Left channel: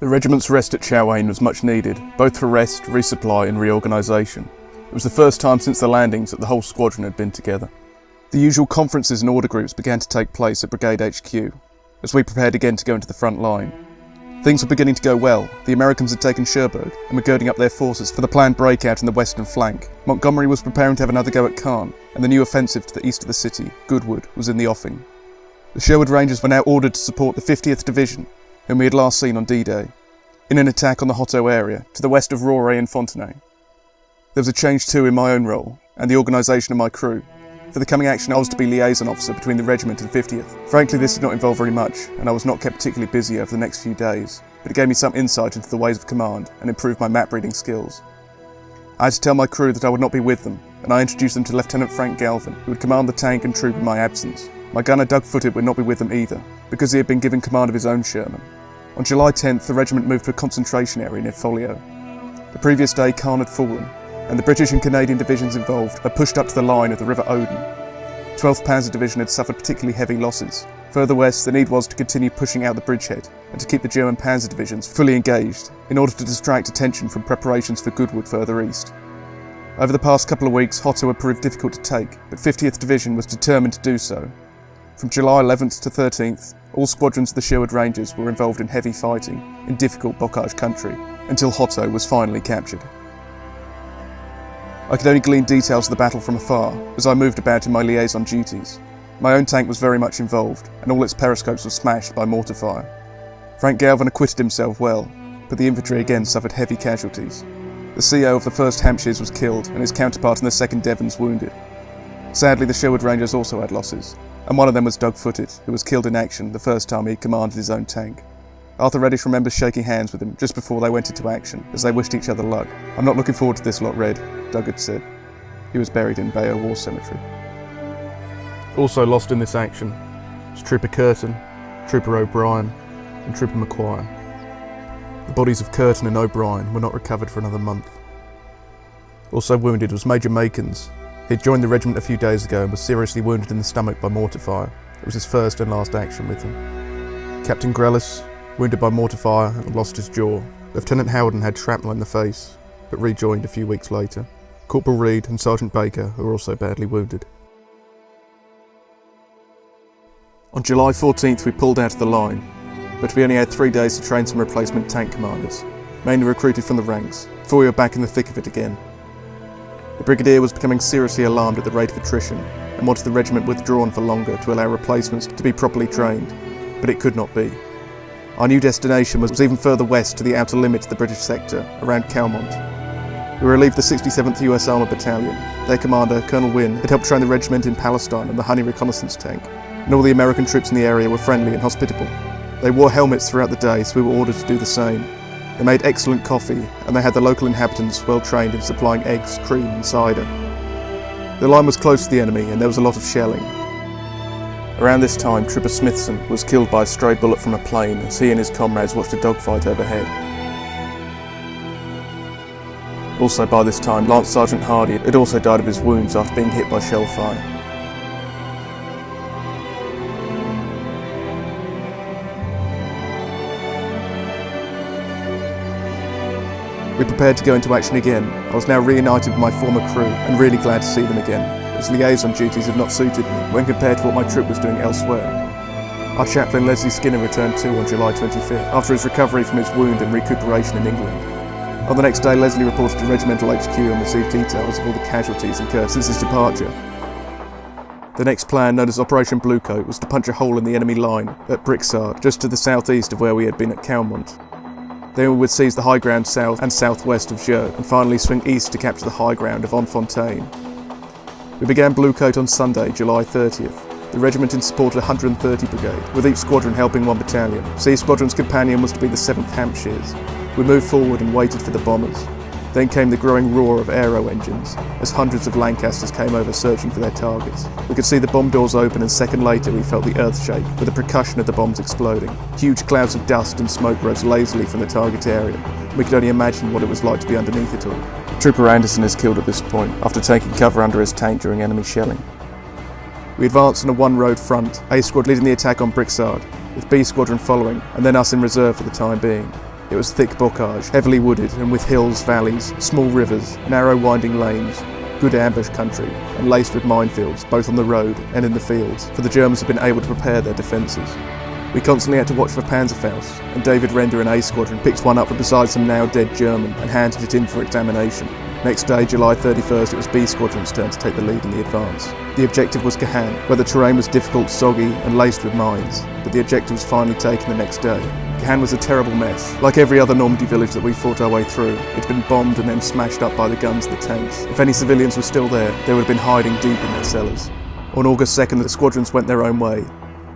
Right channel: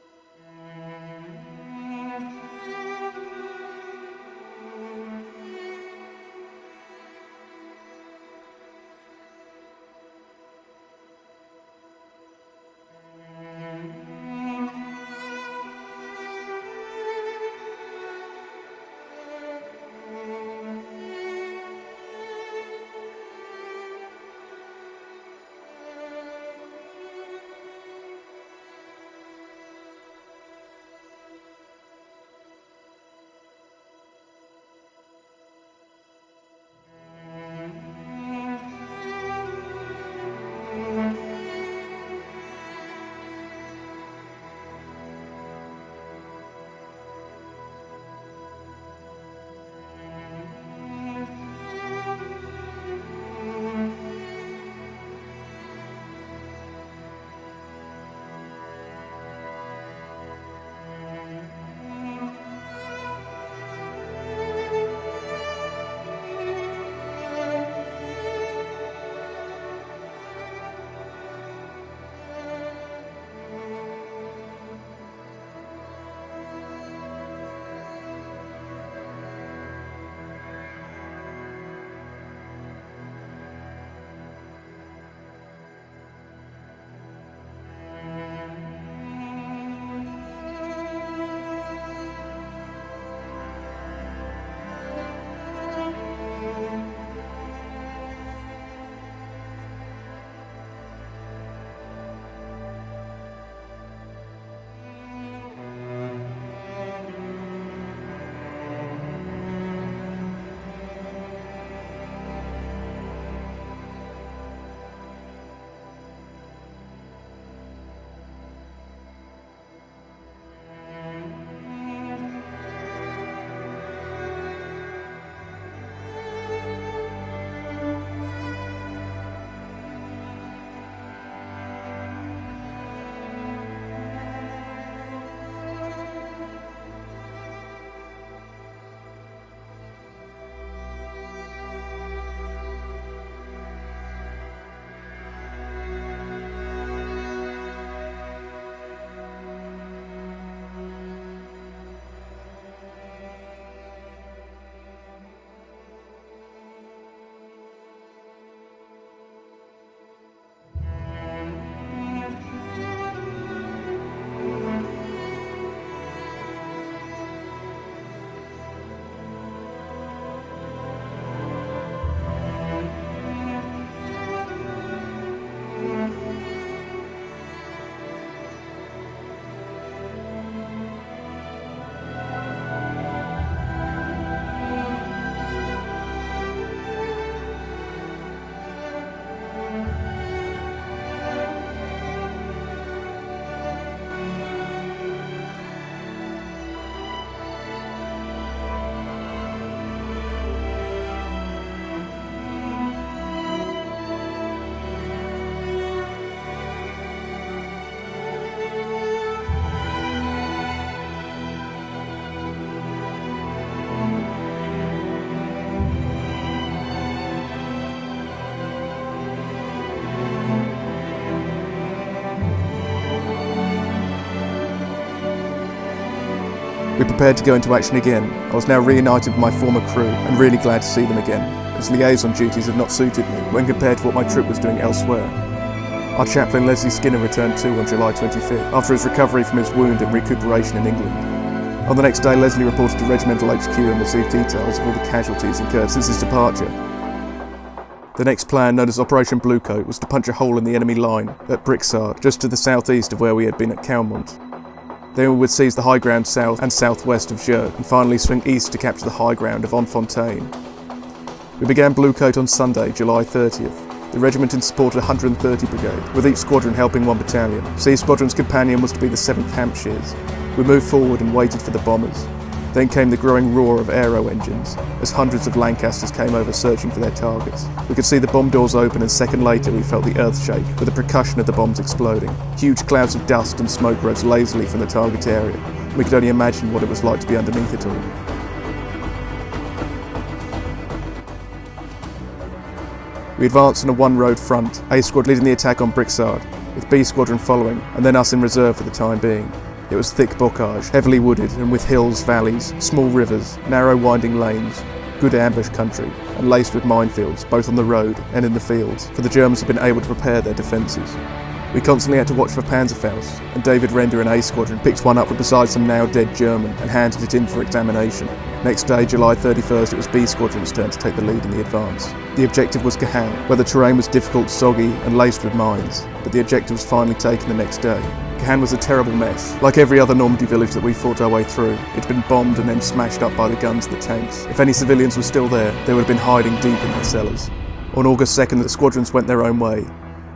The regiment's rest at Sherwood was much needed, both for rest, resupply and reorganisation. It was the first time since the landings that the whole squadron had been together. The usual conferences and order groups began to take place at Brigade HQ, as we prepared again to go into the front line. Things were beginning to go well. The Americans had taken Sherwood and were girding up their forces for the planned breakout in the western flank. Montgomery was preparing to have another go at Caen, and the new offensive to the east of the city, Goodwood, was in the offing. The Sherwood Rangers were now ordered to support the 50th Division, whom we had last seen on D-Day, in an attack on the Hotto area, to the west of Rauray and Fontenay. There was a change too in my own role, and the organisation of my crew. For the coming action I was to be liaison officer between the regiment and 50th. Frankly, this did not involve very much, and I was not kept particularly busy over the next few days, but it gave me some insight into the ways of command and improved my map reading skills. I had to tell my crew that I would not be with them, and I introduced them to Lieutenant Frank Galvin, who would command the tank and troop in my absence. My gunner Doug Footed would not be with them either, because he had been given command of his own Sherman. On July 10th, the regiment moved to a concentration area near Folio. The previous day, Caen had fallen, and the British and Canadian divisions involved had pushed up to the line of the River Odon. The 12th Panzer Division had suffered particularly heavy losses. Further west, the need was to continue pushing out the bridgehead and to keep the German Panzer Divisions fully engaged in order to distract attention from preparations for Goodwood further east. Over the past couple of weeks, Hotto had proved difficult to take, but 50th Division was determined to do so. From July 11th to 13th, all squadrons of the Sherwood Rangers were involved in heavy fighting in difficult bocage country, until Hotto was finally captured. I could only glean details of the battle from afar as I moved about in my liaison duties. My own tank was very much involved, and all its periscopes were smashed by mortar fire. Frank Galvin acquitted himself well, but the infantry again suffered heavy casualties. The CO of the 1st Hampshires was killed, and his counterpart in the 2nd Devons wounded. Sadly, the Sherwood Rangers also had losses, and one of them was Doug Footed, who was killed in action the first time he commanded his own tank. Arthur Reddish remembers shaking hands with him just before they went into action, as they wished each other luck. "I'm not looking forward to this lot, Red," Doug had said. He was buried in Bayeux War Cemetery. Also lost in this action was Trooper Curtin, Trooper O'Brien and Trooper Macquarie. The bodies of Curtin and O'Brien were not recovered for another month. Also wounded was Major Makins. He had joined the regiment a few days ago and was seriously wounded in the stomach by mortar fire. It was his first and last action with him. Captain Grellis, wounded by mortar fire and lost his jaw. Lieutenant Howden had shrapnel in the face, but rejoined a few weeks later. Corporal Reed and Sergeant Baker were also badly wounded. On July 14th we pulled out of the line, but we only had 3 days to train some replacement tank commanders, mainly recruited from the ranks, before we were back in the thick of it again. The Brigadier was becoming seriously alarmed at the rate of attrition and wanted the regiment withdrawn for longer to allow replacements to be properly trained, but it could not be. Our new destination was even further west to the outer limits of the British sector, around Mont. We relieved the 67th US Armoured Battalion. Their commander, Colonel Wynne, had helped train the regiment in Palestine and the Honey reconnaissance tank, and all the American troops in the area were friendly and hospitable. They wore helmets throughout the day, so we were ordered to do the same. They made excellent coffee, and they had the local inhabitants well trained in supplying eggs, cream and cider. The line was close to the enemy and there was a lot of shelling. Around this time, Trooper Smithson was killed by a stray bullet from a plane as he and his comrades watched a dogfight overhead. Also by this time, Lance Sergeant Hardy had also died of his wounds after being hit by shell fire. We prepared to go into action again. I was now reunited with my former crew and really glad to see them again, as liaison duties had not suited me when compared to what my troop was doing elsewhere. Our chaplain Leslie Skinner returned too on July 25th, after his recovery from his wound and recuperation in England. On the next day, Leslie reported to Regimental HQ and received details of all the casualties incurred since his departure. The next plan, known as Operation Bluecoat, was to punch a hole in the enemy line at Brixard, just to the southeast of where we had been at Mont. Then we would seize the high ground south and southwest of Jeux, and finally swing east to capture the high ground of Fontaine. We began Bluecoat on Sunday, July 30th. The regiment in support of 130 Brigade, with each squadron helping one battalion, so each squadron's companion was to be the 7th Hampshires. We moved forward and waited for the bombers. Then came the growing roar of aero engines, as hundreds of Lancasters came over searching for their targets. We could see the bomb doors open, and a second later we felt the earth shake, with the percussion of the bombs exploding. Huge clouds of dust and smoke rose lazily from the target area. We could only imagine what it was like to be underneath it all. Trooper Anderson is killed at this point, after taking cover under his tank during enemy shelling. We advanced on a one-road front, A Squad leading the attack on Brixard, with B Squadron following, and then us in reserve for the time being. It was thick bocage, heavily wooded and with hills, valleys, small rivers, narrow winding lanes, good ambush country, and laced with minefields, both on the road and in the fields, for the Germans had been able to prepare their defences. We constantly had to watch for Panzerfaust, and David Render and A Squadron picked one up from beside some now dead German and handed it in for examination. Next day, July 31st, it was B Squadron's turn to take the lead in the advance. The objective was Caen, where the terrain was difficult, soggy and laced with mines, but the objective was finally taken the next day. Caen was a terrible mess. Like every other Normandy village that we fought our way through, it had been bombed and then smashed up by the guns of the tanks. If any civilians were still there, they would have been hiding deep in their cellars. On August 2nd, the squadrons went their own way,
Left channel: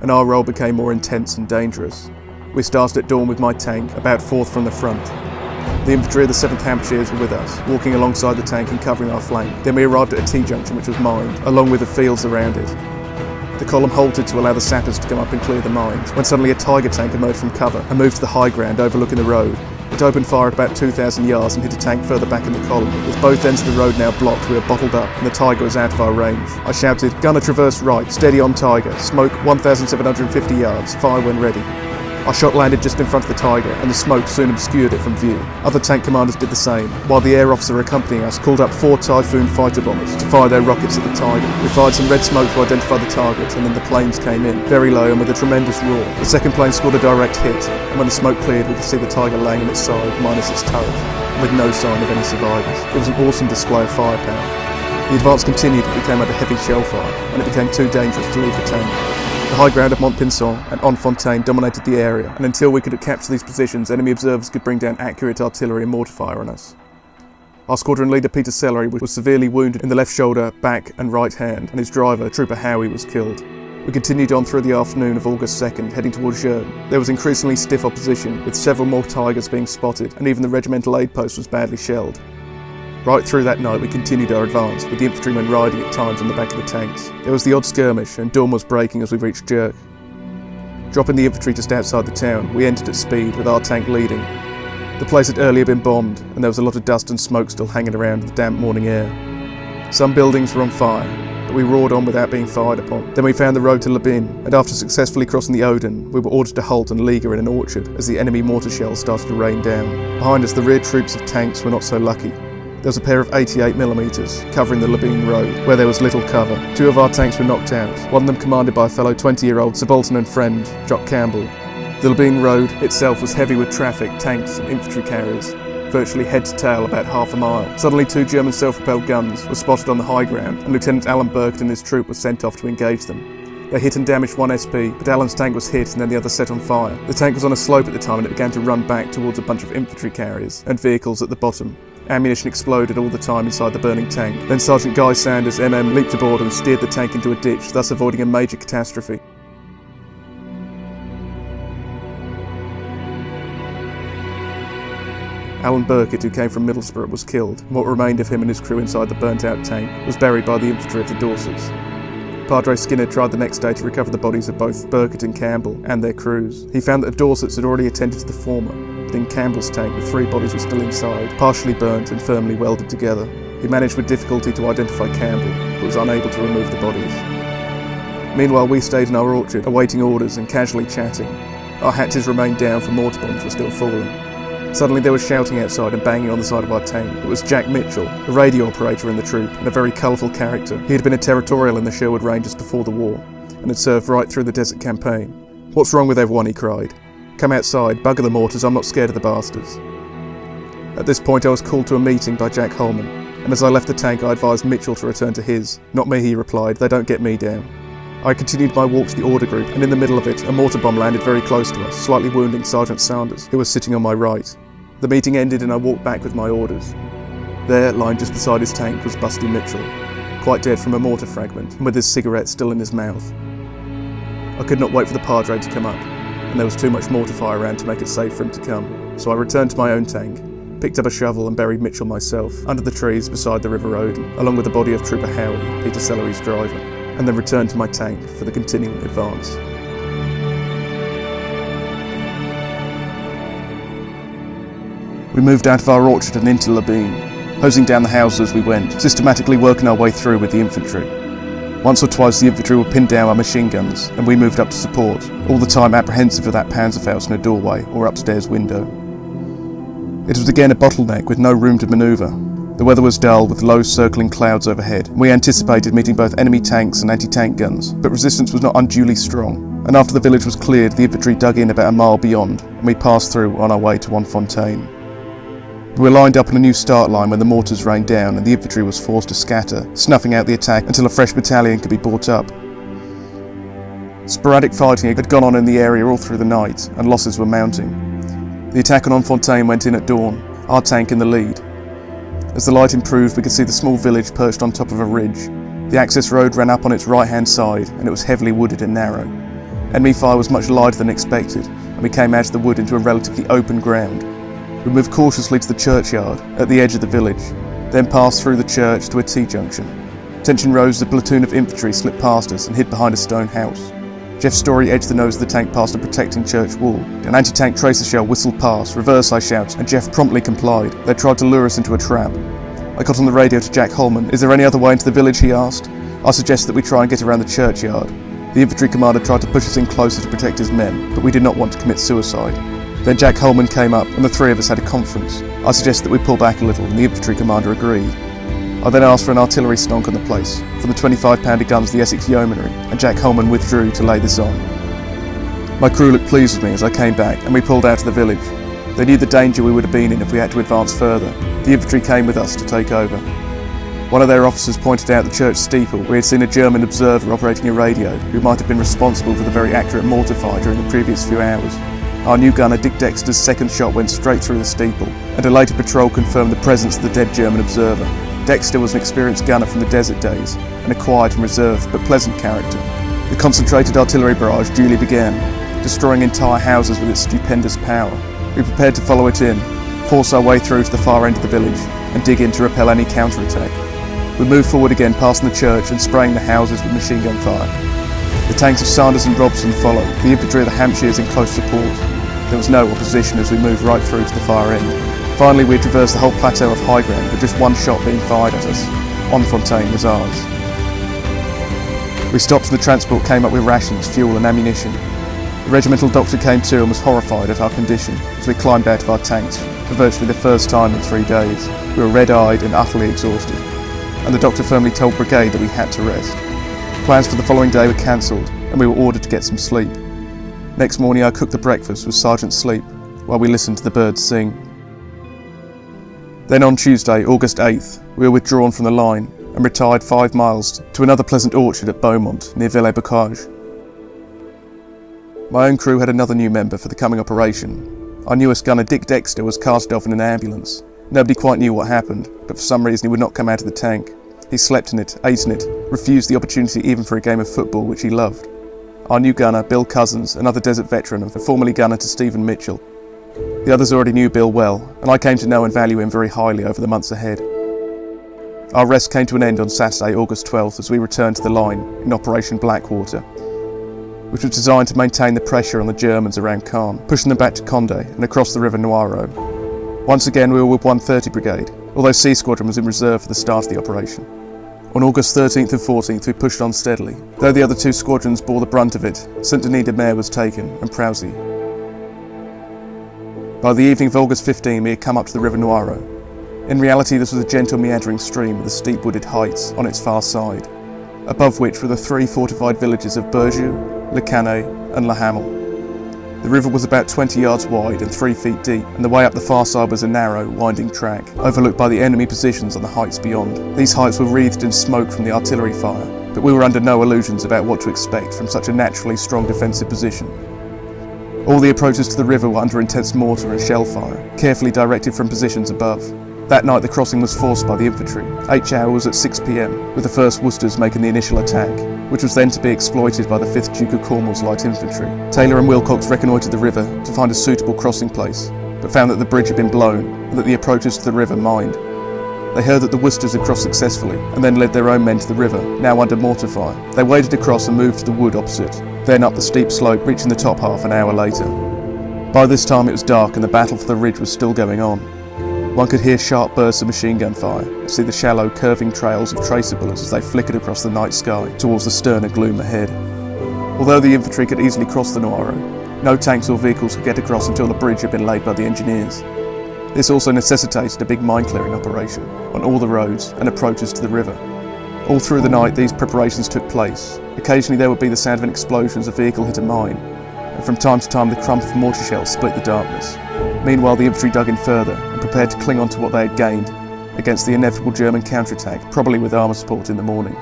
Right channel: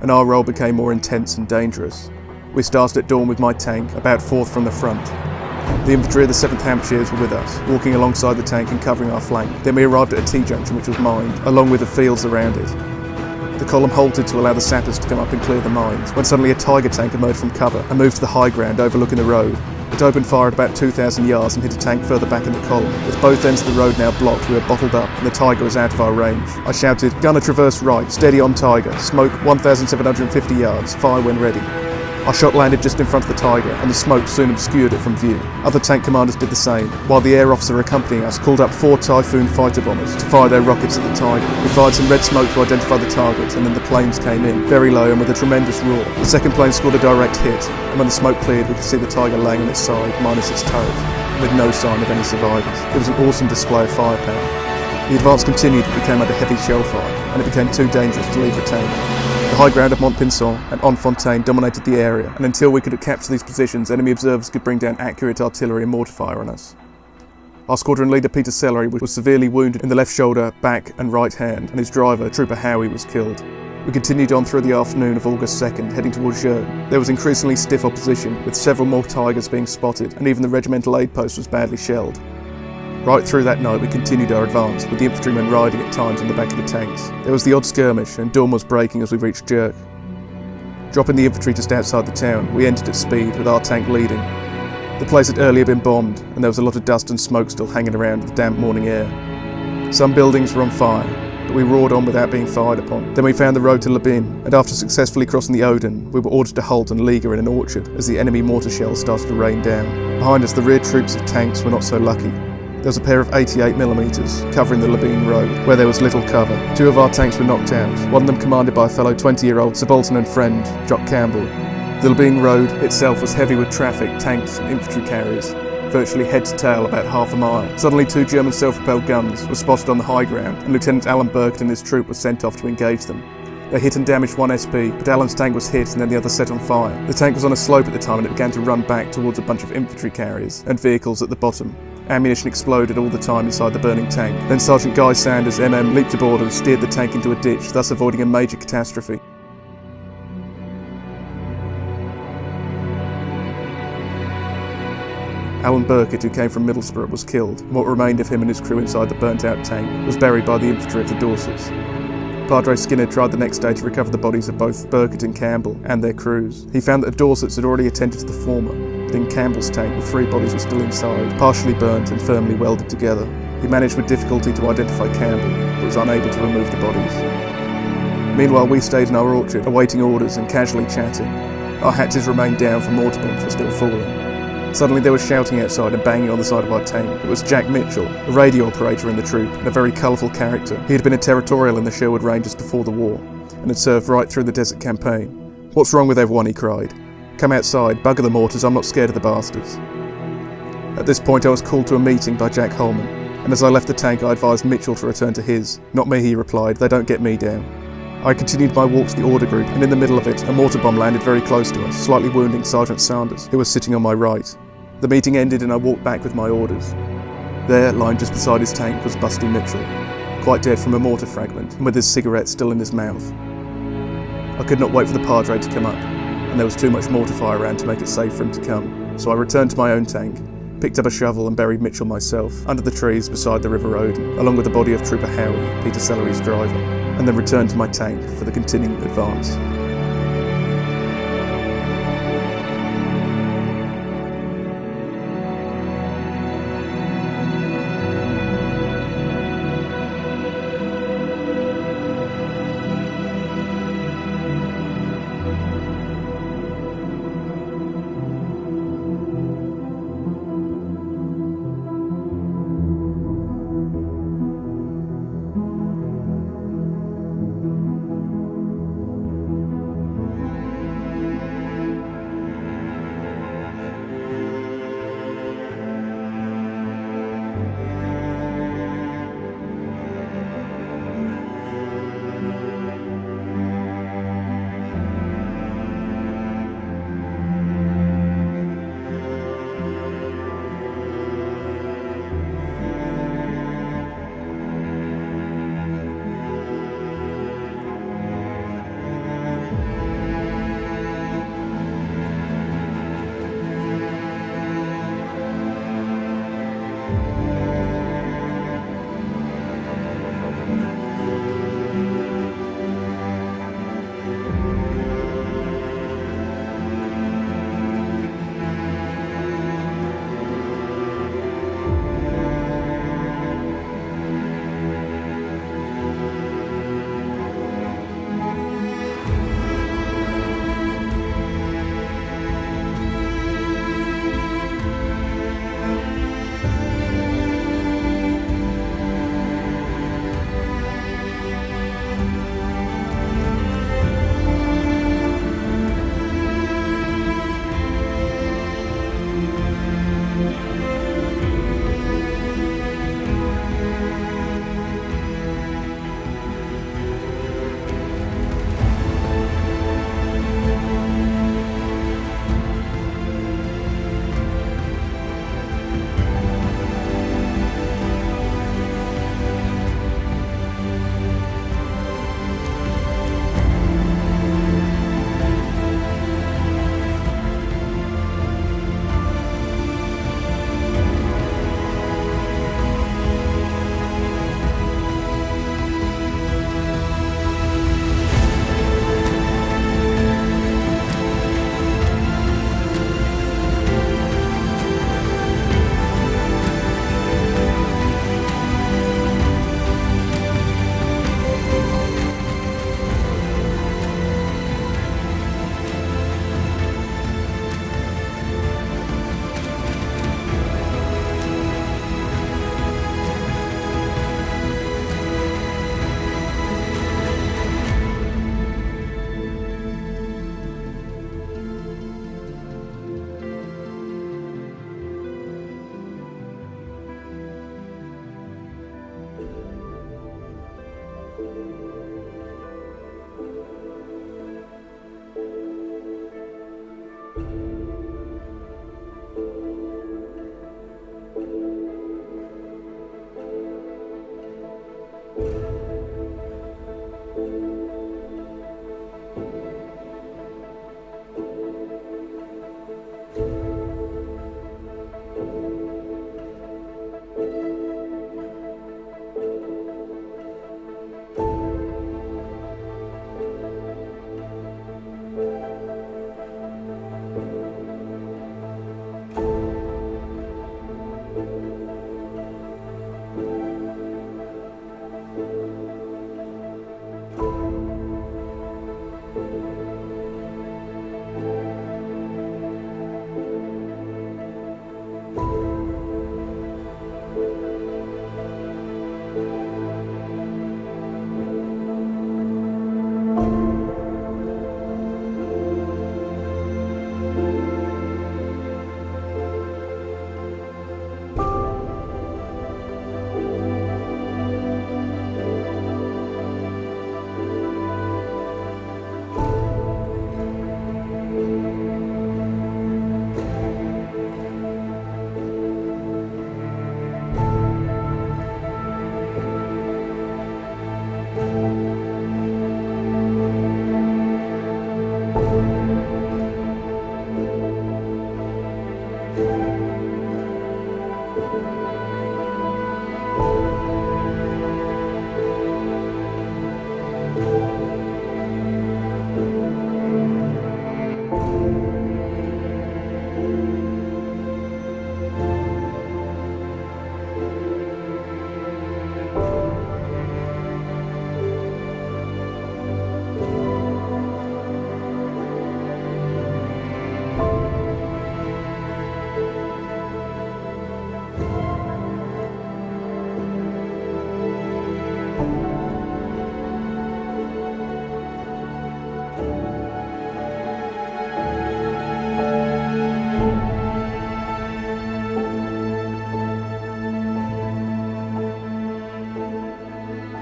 and our role became more intense and dangerous. We started at dawn with my tank, about 4th from the front. The infantry of the 7th Hampshires were with us, walking alongside the tank and covering our flank. Then we arrived at a T-junction which was mined, along with the fields around it. The column halted to allow the sappers to come up and clear the mines, when suddenly a Tiger tank emerged from cover and moved to the high ground overlooking the road. It opened fire at about 2,000 yards and hit a tank further back in the column. With both ends of the road now blocked, we were bottled up and the Tiger was out of our range. I shouted, "Gunner traverse right, steady on Tiger, smoke 1,750 yards, fire when ready." Our shot landed just in front of the Tiger, and the smoke soon obscured it from view. Other tank commanders did the same, while the air officer accompanying us called up 4 Typhoon fighter bombers to fire their rockets at the Tiger. We fired some red smoke to identify the target, and then the planes came in, very low and with a tremendous roar. The second plane scored a direct hit, and when the smoke cleared we could see the Tiger laying on its side, minus its turret, with no sign of any survivors. It was an awesome display of firepower. The advance continued, but we came under heavy shell fire, and it became too dangerous to leave the tank. The high ground of Mont Pincon and Enfontaine dominated the area, and until we could capture these positions, enemy observers could bring down accurate artillery and mortar fire on us. Our squadron leader Peter Sellery was severely wounded in the left shoulder, back and right hand, and his driver, Trooper Howie, was killed. We continued on through the afternoon of August 2nd, heading towards Sherwood. There was increasingly stiff opposition, with several more Tigers being spotted, and even the regimental aid post was badly shelled. Right through that night we continued our advance, with the infantrymen riding at times on the back of the tanks. There was the odd skirmish, and dawn was breaking as we reached Jerk. Dropping the infantry just outside the town, we entered at speed, with our tank leading. The place had earlier been bombed, and there was a lot of dust and smoke still hanging around the damp morning air. Some buildings were on fire, but we roared on without being fired upon. Then we found the road to Labin, and after successfully crossing the Odon, we were ordered to halt and leaguer in an orchard as the enemy mortar shells started to rain down. Behind us, the rear troops of tanks were not so lucky. There was a pair of 88mm covering the Labine Road, where there was little cover. 2 of our tanks were knocked out, one of them commanded by a fellow 20-year-old subaltern and friend, Jock Campbell. The Labine Road itself was heavy with traffic, tanks and infantry carriers, virtually head to tail about half a mile. Suddenly 2 German self-propelled guns were spotted on the high ground, and Lieutenant Alan Burkett and his troop were sent off to engage them. They hit and damaged one SP, but Alan's tank was hit and then the other set on fire. The tank was on a slope at the time and it began to run back towards a bunch of infantry carriers and vehicles at the bottom. Ammunition exploded all the time inside the burning tank. Then Sergeant Guy Sanders, MM, leaped aboard and steered the tank into a ditch, thus avoiding a major catastrophe. Alan Burkett, who came from Middlesbrough, was killed, and what remained of him and his crew inside the burnt-out tank was buried by the infantry of the Dorsets. Padre Skinner tried the next day to recover the bodies of both Burkett and Campbell and their crews. He found that the Dorsets had already attended to the former, but in Campbell's tank the 3 bodies were still inside, partially burnt and firmly welded together. He managed with difficulty to identify Campbell, but was unable to remove the bodies. Meanwhile, we stayed in our orchard, awaiting orders and casually chatting. Our hatches remained down for mortar bombs were still falling. Suddenly there was shouting outside and banging on the side of our tank. It was Jack Mitchell, a radio operator in the troop, and a very colourful character. He had been a territorial in the Sherwood Rangers before the war, and had served right through the desert campaign. "What's wrong with everyone?" he cried. "Come outside, bugger the mortars, I'm not scared of the bastards." At this point I was called to a meeting by Jack Holman, and as I left the tank I advised Mitchell to return to his. "Not me," he replied, "they don't get me down." I continued my walk to the order group, and in the middle of it, a mortar bomb landed very close to us, slightly wounding Sergeant Sanders, who was sitting on my right. The meeting ended and I walked back with my orders. There, lying just beside his tank, was Busty Mitchell, quite dead from a mortar fragment, and with his cigarette still in his mouth. I could not wait for the Padre to come up, and there was too much mortar fire around to make it safe for him to come, so I returned to my own tank, picked up a shovel and buried Mitchell myself, under the trees beside the River Odon, along with the body of Trooper Howie, Peter Sellery's driver, and then returned to my tank for the continuing advance. We moved out of our orchard and into Labine, hosing down the houses as we went, systematically working our way through with the infantry. Once or twice the infantry would pin down our machine guns, and we moved up to support, all the time apprehensive of that Panzerfaust in a doorway or upstairs window. It was again a bottleneck with no room to manoeuvre. The weather was dull with low circling clouds overhead. We anticipated meeting both enemy tanks and anti-tank guns, but resistance was not unduly strong, and after the village was cleared, the infantry dug in about a mile beyond, and we passed through on our way to Montfontaine. We were lined up on a new start line when the mortars rained down and the infantry was forced to scatter, snuffing out the attack until a fresh battalion could be brought up. Sporadic fighting had gone on in the area all through the night, and losses were mounting. The attack on Montfontaine went in at dawn, our tank in the lead. As the light improved, we could see the small village perched on top of a ridge. The access road ran up on its right-hand side, and it was heavily wooded and narrow. Enemy fire was much lighter than expected, and we came out of the wood into a relatively open ground. We moved cautiously to the churchyard, at the edge of the village, then passed through the church to a T-junction. Tension rose as a platoon of infantry slipped past us and hid behind a stone house. Jeff Story edged the nose of the tank past a protecting church wall. An anti-tank tracer shell whistled past. "Reverse," I shouted, and Jeff promptly complied. They tried to lure us into a trap. I got on the radio to Jack Holman. "Is there any other way into the village?" he asked. I suggested that we try and get around the churchyard. The infantry commander tried to push us in closer to protect his men, but we did not want to commit suicide. Then Jack Holman came up, and the three of us had a conference. I suggested that we pull back a little, and the infantry commander agreed. I then asked for an artillery stonk on the place, from the 25-pounder guns of the Essex Yeomanry, and Jack Holman withdrew to lay this on. My crew looked pleased with me as I came back, and we pulled out of the village. They knew the danger we would have been in if we had to advance further. The infantry came with us to take over. One of their officers pointed out the church steeple. We had seen a German observer operating a radio, who might have been responsible for the very accurate mortar fire during the previous few hours. Our new gunner, Dick Dexter's second shot went straight through the steeple, and a later patrol confirmed the presence of the dead German observer. Dexter was an experienced gunner from the desert days, and a quiet and reserved but pleasant character. The concentrated artillery barrage duly began, destroying entire houses with its stupendous power. We prepared to follow it in, force our way through to the far end of the village, and dig in to repel any counterattack. We moved forward again, passing the church and spraying the houses with machine gun fire. The tanks of Sanders and Robson followed, the infantry of the Hampshires in close support. There was no opposition as we moved right through to the far end. Finally, we had traversed the whole plateau of high ground with just one shot being fired at us. Montfontaine was ours. We stopped and the transport came up with rations, fuel and ammunition. The regimental doctor came to and was horrified at our condition as we climbed out of our tanks for virtually the first time in 3 days. We were red-eyed and utterly exhausted, and the doctor firmly told brigade that we had to rest. Plans for the following day were cancelled, and we were ordered to get some sleep. Next morning I cooked the breakfast with Sergeant Sleep while we listened to the birds sing. Then on Tuesday, August 8th, we were withdrawn from the line and retired 5 miles to another pleasant orchard at Beaumont near Villers-Bocage. My own crew had another new member for the coming operation. Our newest gunner, Dick Dexter, was carted off in an ambulance. Nobody quite knew what happened, but for some reason he would not come out of the tank. He slept in it, ate in it, refused the opportunity even for a game of football, which he loved. Our new gunner, Bill Cousins, another desert veteran and formerly gunner to Stephen Mitchell. The others already knew Bill well, and I came to know and value him very highly over the months ahead. Our rest came to an end on Saturday, August 12th, as we returned to the line in Operation Blackwater, which was designed to maintain the pressure on the Germans around Caen, pushing them back to Condé and across the River Noireau. Once again we were with 130 Brigade, although C Squadron was in reserve for the start of the operation. On August 13th and 14th we pushed on steadily. Though the other 2 squadrons bore the brunt of it, Saint-Denis-de-Mer was taken and Preussy. By the evening of August 15 we had come up to the River Noireau. In reality this was a gentle meandering stream with the steep wooded heights on its far side, above which were the 3 fortified villages of Berjou, Le Canet and La Hamel. The river was about 20 yards wide and 3 feet deep, and the way up the far side was a narrow, winding track, overlooked by the enemy positions on the heights beyond. These heights were wreathed in smoke from the artillery fire, but we were under no illusions about what to expect from such a naturally strong defensive position. All the approaches to the river were under intense mortar and shell fire, carefully directed from positions above. That night the crossing was forced by the infantry. H-hour was at 6 p.m, with the 1st Worcesters making the initial attack, which was then to be exploited by the 5th Duke of Cornwall's light infantry. Taylor and Wilcox reconnoitred the river to find a suitable crossing place, but found that the bridge had been blown and that the approaches to the river mined. They heard that the Worcesters had crossed successfully and then led their own men to the river, now under mortar fire. They waded across and moved to the wood opposite, then up the steep slope, reaching the top half an hour later. By this time it was dark and the battle for the ridge was still going on. One could hear sharp bursts of machine gun fire, see the shallow, curving trails of tracer bullets as they flickered across the night sky towards the sterner gloom ahead. Although the infantry could easily cross the Noireau, no tanks or vehicles could get across until the bridge had been laid by the engineers. This also necessitated a big mine-clearing operation on all the roads and approaches to the river. All through the night these preparations took place. Occasionally there would be the sound of an explosion as a vehicle hit a mine, and from time to time the crump of mortar shells split the darkness. Meanwhile the infantry dug in further and prepared to cling on to what they had gained against the inevitable German counterattack, probably with armour support in the morning.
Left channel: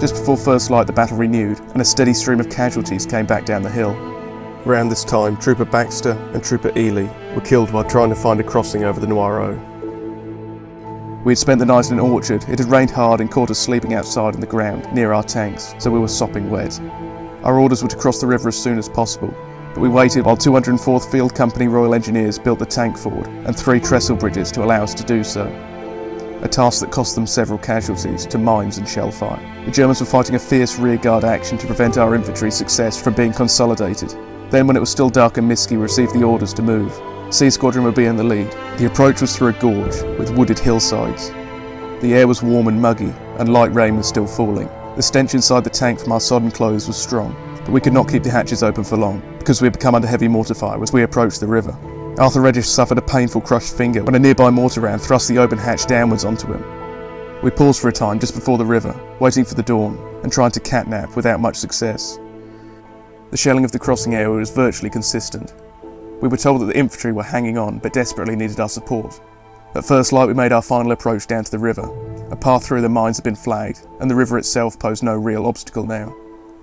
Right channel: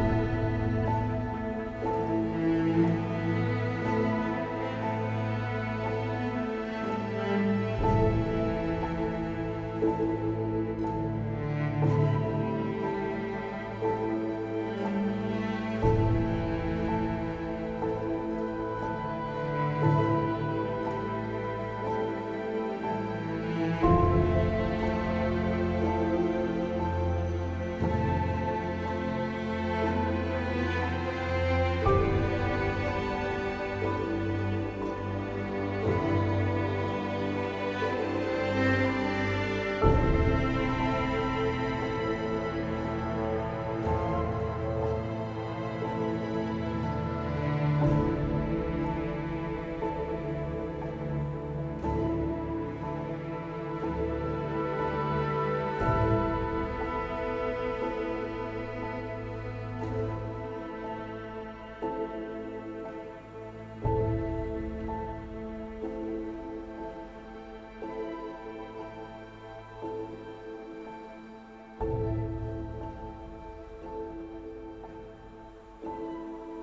Just before first light the battle renewed, and a steady stream of casualties came back down the hill. Around this time, Trooper Baxter and Trooper Ely were killed while trying to find a crossing over the Noireau. We had spent the night in an orchard. It had rained hard and caught us sleeping outside on the ground near our tanks, so we were sopping wet. Our orders were to cross the river as soon as possible, but we waited while 204th Field Company Royal Engineers built the tank ford and 3 trestle bridges to allow us to do so. A task that cost them several casualties to mines and shell fire. The Germans were fighting a fierce rearguard action to prevent our infantry's success from being consolidated. Then, when it was still dark and misty, we received the orders to move. C Squadron would be in the lead. The approach was through a gorge with wooded hillsides. The air was warm and muggy, and light rain was still falling. The stench inside the tank from our sodden clothes was strong, but we could not keep the hatches open for long, because we had become under heavy mortar fire as we approached the river. Arthur Reddish suffered a painful crushed finger when a nearby mortar round thrust the open hatch downwards onto him. We paused for a time just before the river, waiting for the dawn, and trying to catnap without much success. The shelling of the crossing area was virtually consistent. We were told that the infantry were hanging on, but desperately needed our support. At first light we made our final approach down to the river. A path through the mines had been flagged, and the river itself posed no real obstacle now.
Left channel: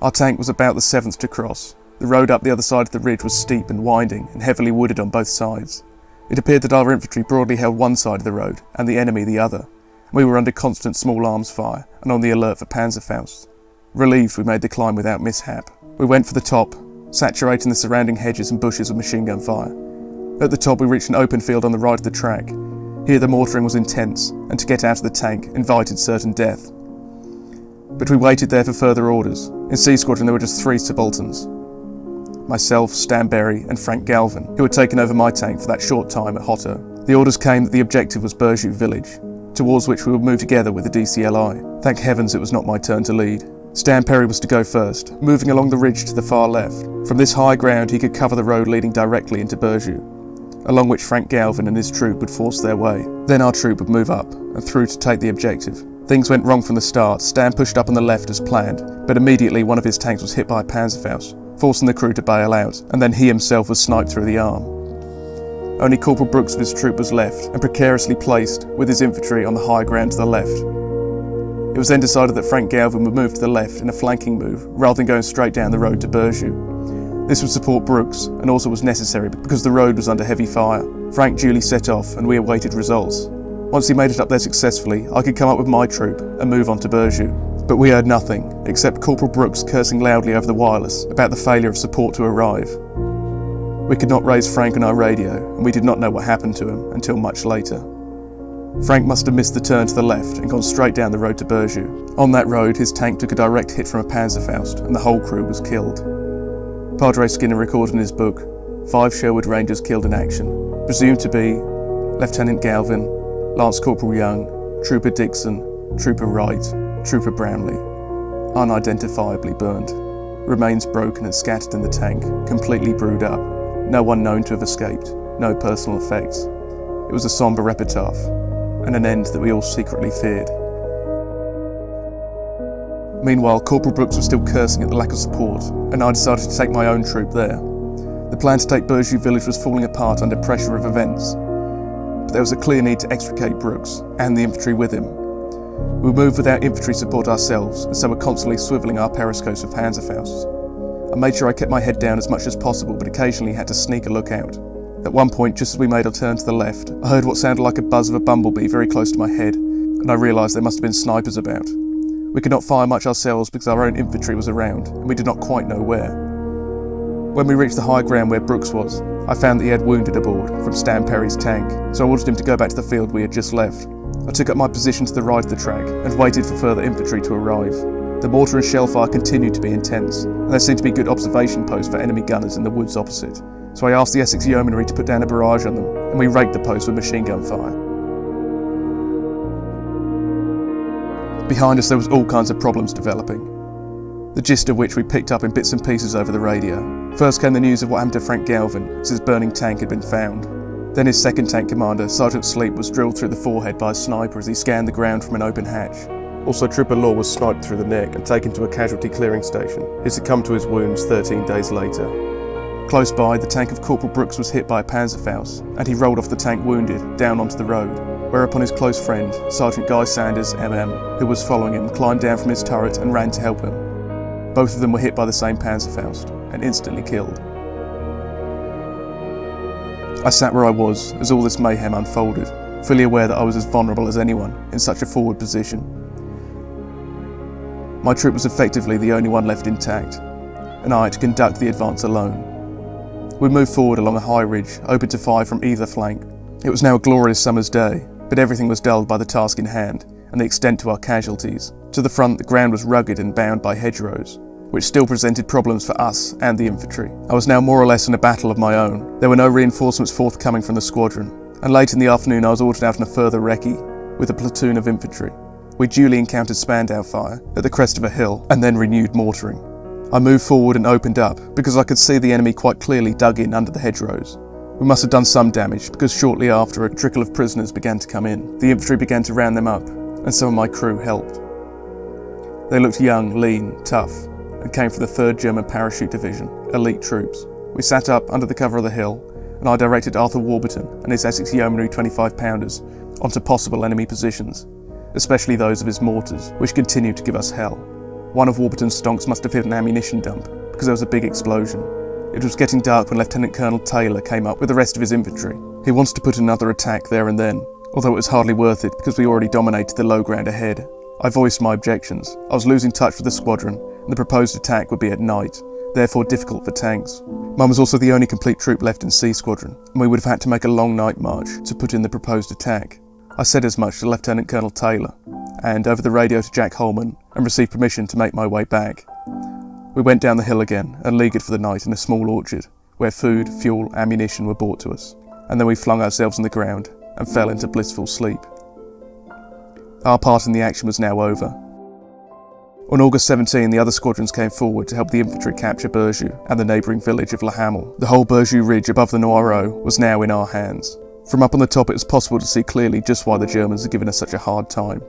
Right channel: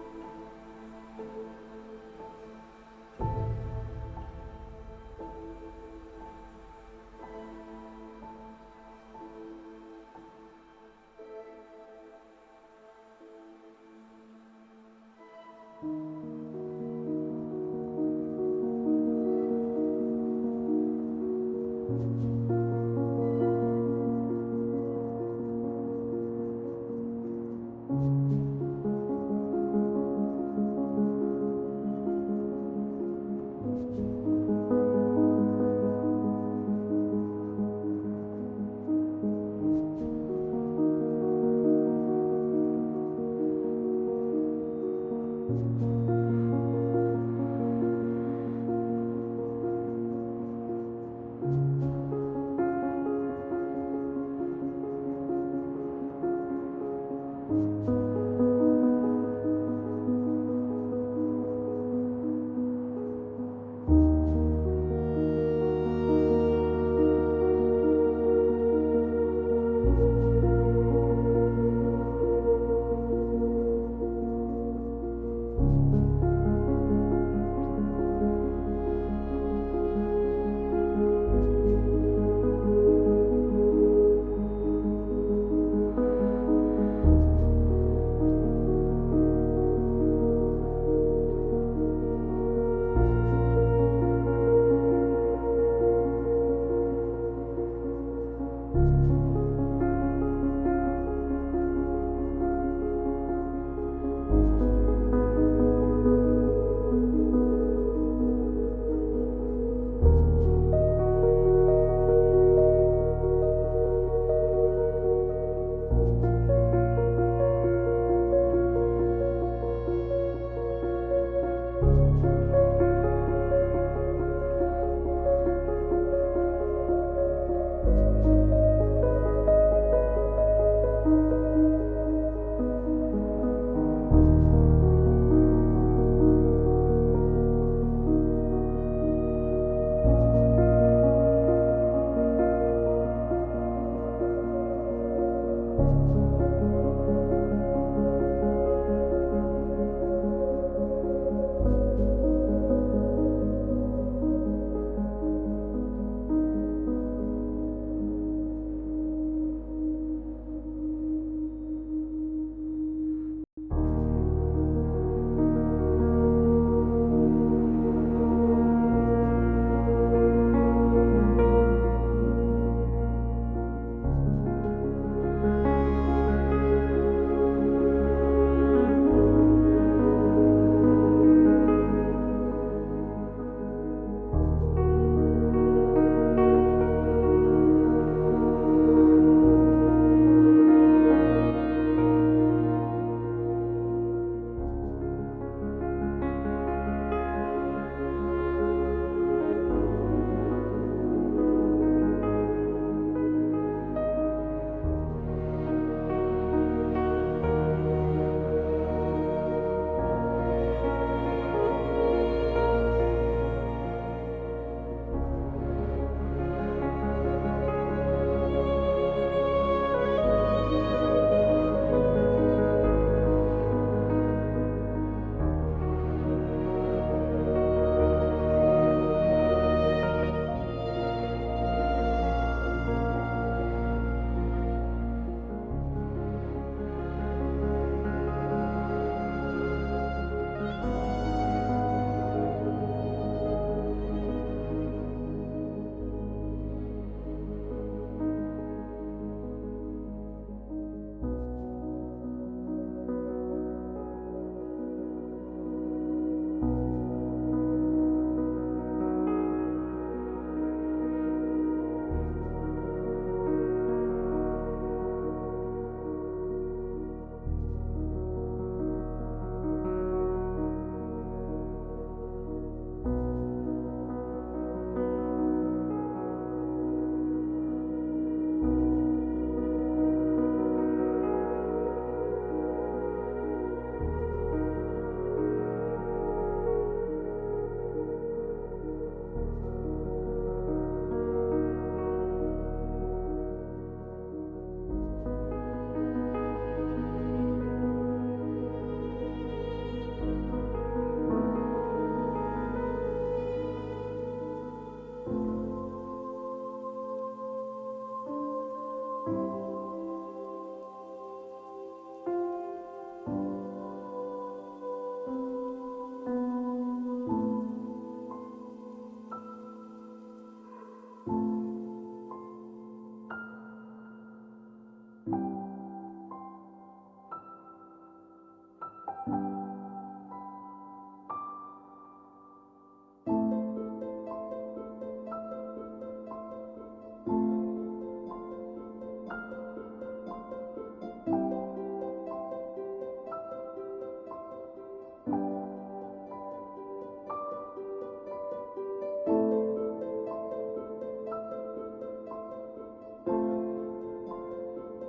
Our tank was about the 7th to cross. The road up the other side of the ridge was steep and winding, and heavily wooded on both sides. It appeared that our infantry broadly held one side of the road, and the enemy the other. We were under constant small arms fire, and on the alert for Panzerfaust. Relieved, we made the climb without mishap. We went for the top, saturating the surrounding hedges and bushes with machine gun fire. At the top we reached an open field on the right of the track. Here the mortaring was intense, and to get out of the tank invited certain death. But we waited there for further orders. In C Squadron there were just 3 subalterns. Myself, Stan Berry and Frank Galvin, who had taken over my tank for that short time at Hotto. The orders came that the objective was Berjou village, towards which we would move together with the DCLI. Thank heavens it was not my turn to lead. Stan Perry was to go first, moving along the ridge to the far left. From this high ground he could cover the road leading directly into Berjou, along which Frank Galvin and his troop would force their way. Then our troop would move up and through to take the objective. Things went wrong from the start. Stan pushed up on the left as planned, but immediately one of his tanks was hit by a Panzerfaust, forcing the crew to bail out, and then he himself was sniped through the arm. Only Corporal Brooks of his troop was left, and precariously placed with his infantry on the high ground to the left. It was then decided that Frank Galvin would move to the left in a flanking move, rather than going straight down the road to Berjou. This would support Brooks, and also was necessary because the road was under heavy fire. Frank duly set off, and we awaited results. Once he made it up there successfully, I could come up with my troop and move on to Berjou. But we heard nothing, except Corporal Brooks cursing loudly over the wireless about the failure of support to arrive. We could not raise Frank on our radio, and we did not know what happened to him until much later. Frank must have missed the turn to the left and gone straight down the road to Berjou. On that road, his tank took a direct hit from a Panzerfaust, and the whole crew was killed. Padre Skinner recorded in his book, 5 Sherwood Rangers killed in action, presumed to be Lieutenant Galvin, Lance Corporal Young, Trooper Dixon, Trooper Wright, Trooper Brownlee, unidentifiably burned, remains broken and scattered in the tank, completely brewed up, no one known to have escaped, no personal effects. It was a sombre epitaph, and an end that we all secretly feared. Meanwhile, Corporal Brooks was still cursing at the lack of support, and I decided to take my own troop there. The plan to take Berjou village was falling apart under pressure of events, but there was a clear need to extricate Brooks, and the infantry with him. We moved without infantry support ourselves, and so were constantly swivelling our periscopes with Panzerfausts. I made sure I kept my head down as much as possible, but occasionally had to sneak a look out. At one point, just as we made our turn to the left, I heard what sounded like a buzz of a bumblebee very close to my head, and I realised there must have been snipers about. We could not fire much ourselves because our own infantry was around, and we did not quite know where. When we reached the high ground where Brooks was, I found that he had wounded aboard from Stan Perry's tank, so I ordered him to go back to the field we had just left. I took up my position to the right of the track and waited for further infantry to arrive. The mortar and shell fire continued to be intense, and there seemed to be good observation posts for enemy gunners in the woods opposite, so I asked the Essex Yeomanry to put down a barrage on them, and we raked the post with machine gun fire. Behind us there was all kinds of problems developing, the gist of which we picked up in bits and pieces over the radio. First came the news of what happened to Frank Galvin, as his burning tank had been found. Then his second tank commander, Sergeant Sleep, was drilled through the forehead by a sniper as he scanned the ground from an open hatch. Also, Trooper Law was sniped through the neck and taken to a casualty clearing station. He succumbed to his wounds 13 days later. Close by, the tank of Corporal Brooks was hit by a Panzerfaust, and he rolled off the tank wounded, down onto the road, whereupon his close friend, Sergeant Guy Sanders, MM, who was following him, climbed down from his turret and ran to help him. Both of them were hit by the same Panzerfaust, and instantly killed. I sat where I was as all this mayhem unfolded, fully aware that I was as vulnerable as anyone in such a forward position. My troop was effectively the only one left intact, and I had to conduct the advance alone. We moved forward along a high ridge, open to fire from either flank. It was now a glorious summer's day, but everything was dulled by the task in hand and the extent to our casualties. To the front, the ground was rugged and bound by hedgerows, which still presented problems for us and the infantry. I was now more or less in a battle of my own. There were no reinforcements forthcoming from the squadron, and late in the afternoon I was ordered out on a further recce with a platoon of infantry. We duly encountered Spandau fire at the crest of a hill and then renewed mortaring. I moved forward and opened up because I could see the enemy quite clearly dug in under the hedgerows. We must have done some damage because shortly after a trickle of prisoners began to come in. The infantry began to round them up and some of my crew helped. They looked young, lean, tough and came from the 3rd German Parachute Division, elite troops. We sat up under the cover of the hill and I directed Arthur Warburton and his Essex Yeomanry 25-pounders onto possible enemy positions, especially those of his mortars, which continued to give us hell. One of Warburton's stonks must have hit an ammunition dump, because there was a big explosion. It was getting dark when Lieutenant Colonel Taylor came up with the rest of his infantry. He wanted to put another attack there and then, although it was hardly worth it because we already dominated the low ground ahead. I voiced my objections. I was losing touch with the squadron, and the proposed attack would be at night, therefore difficult for tanks. Mine was also the only complete troop left in C Squadron, and we would have had to make a long night march to put in the proposed attack. I said as much to Lieutenant Colonel Taylor, and over the radio to Jack Holman, and received permission to make my way back. We went down the hill again and leaguered for the night in a small orchard, where food, fuel, ammunition were brought to us, and then we flung ourselves on the ground and fell into blissful sleep. Our part in the action was now over. On August 17, the other squadrons came forward to help the infantry capture Berjou and the neighbouring village of La Hamel. The whole Berjou ridge above the Noireau was now in our hands. From up on the top it was possible to see clearly just why the Germans had given us such a hard time.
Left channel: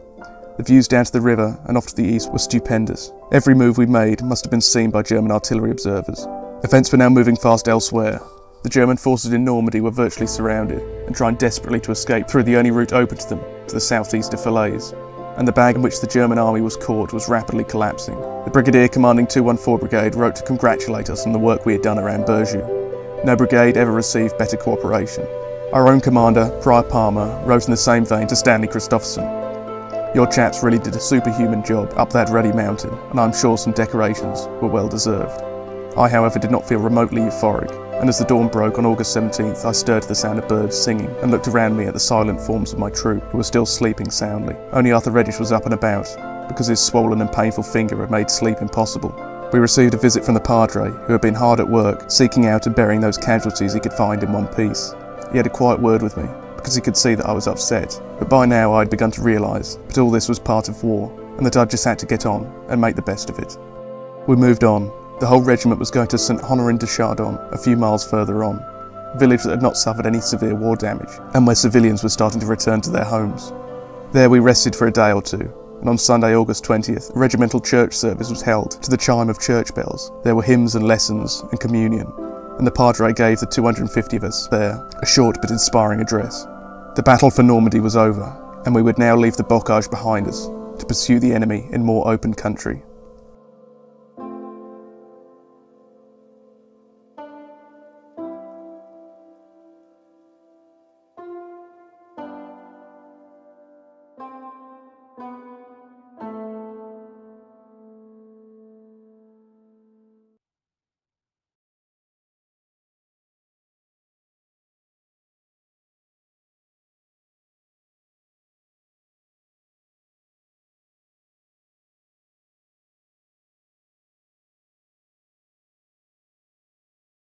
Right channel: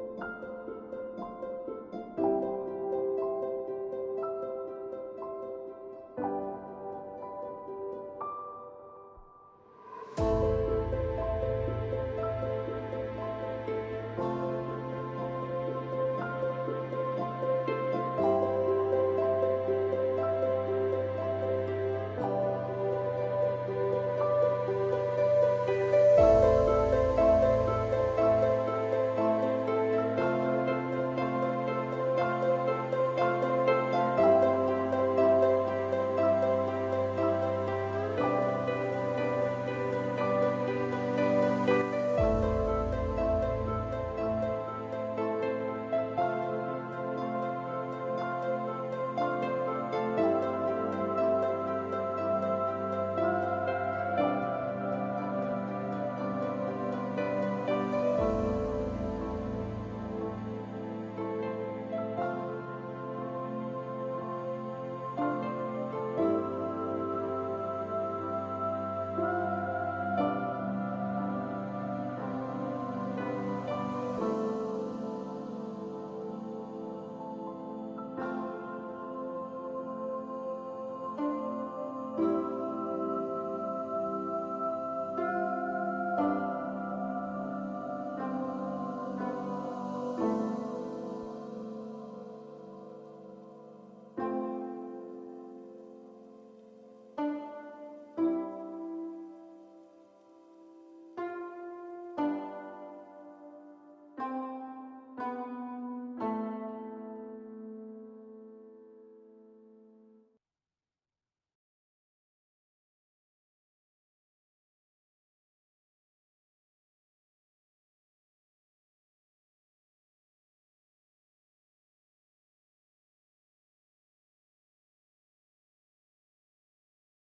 The views down to the river and off to the east were stupendous. Every move we made must have been seen by German artillery observers. Events were now moving fast elsewhere. The German forces in Normandy were virtually surrounded and trying desperately to escape through the only route open to them, to the southeast of Falaise. And the bag in which the German army was caught was rapidly collapsing. The brigadier commanding 214 Brigade wrote to congratulate us on the work we had done around Berjou. No brigade ever received better cooperation. Our own commander, Prior Palmer, wrote in the same vein to Stanley Christopherson. Your chaps really did a superhuman job up that ruddy mountain, and I'm sure some decorations were well deserved. I, however, did not feel remotely euphoric, and as the dawn broke on August 17th, I stirred to the sound of birds singing and looked around me at the silent forms of my troop, who were still sleeping soundly. Only Arthur Reddish was up and about, because his swollen and painful finger had made sleep impossible. We received a visit from the Padre, who had been hard at work, seeking out and burying those casualties he could find in one piece. He had a quiet word with me, because he could see that I was upset, but by now I had begun to realise that all this was part of war, and that I just had to get on and make the best of it. We moved on. The whole regiment was going to St Honorin de Chardon, a few miles further on, a village that had not suffered any severe war damage, and where civilians were starting to return to their homes. There we rested for a day or two, and on Sunday, August 20th, a regimental church service was held to the chime of church bells. There were hymns and lessons and communion, and the Padre gave the 250 of us there a short but inspiring address. The battle for Normandy was over, and we would now leave the bocage behind us to pursue the enemy in more open country.